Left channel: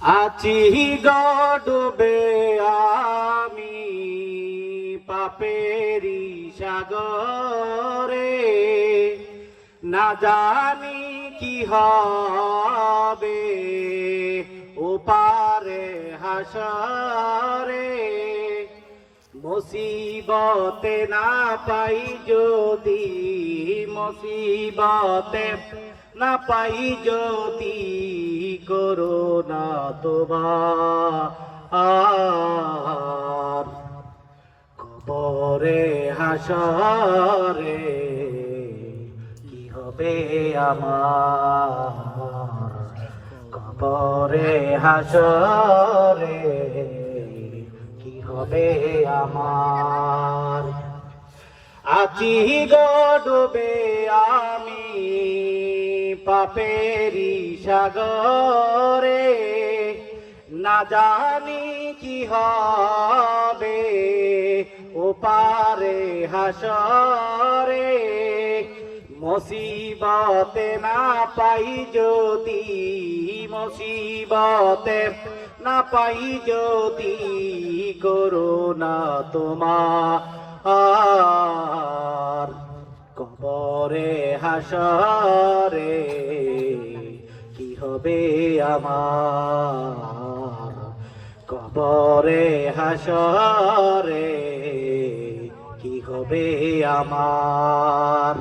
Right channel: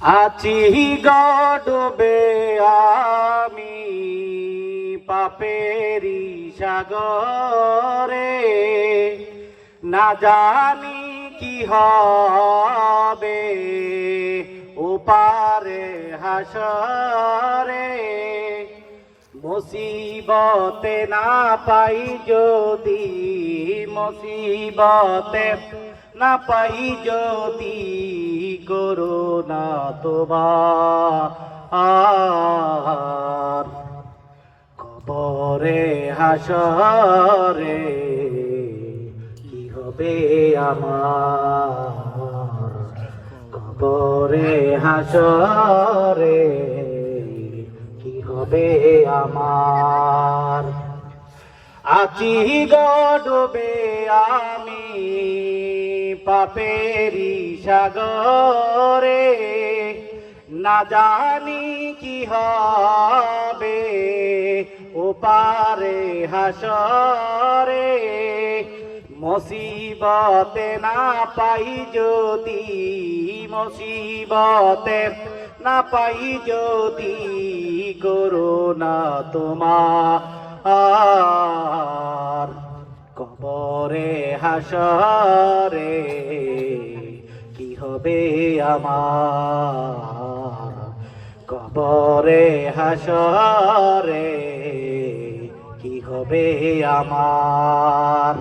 আছি গডবে আমি পাপেরি সাগরে, না জানি কি হবে ওপারে হাসরে। মুসিবতে না পাই যদি, মুসিবতে না পাই যদি, করোনা তোমার কবরে হাসরে কি হবে আমার, কবরে হাসরে কি হবে আমার। আছি ডুবে আমি পাপেরি সাগরে, না জানি কি হবে ওপারে হাসরে। মুসিবতে না পাই যদি, মুসিবতে না পাই যদি, করোনা তোমার কবরে হাসরে কি হবে আমার, কবরে হাসরে কি হবে আমার।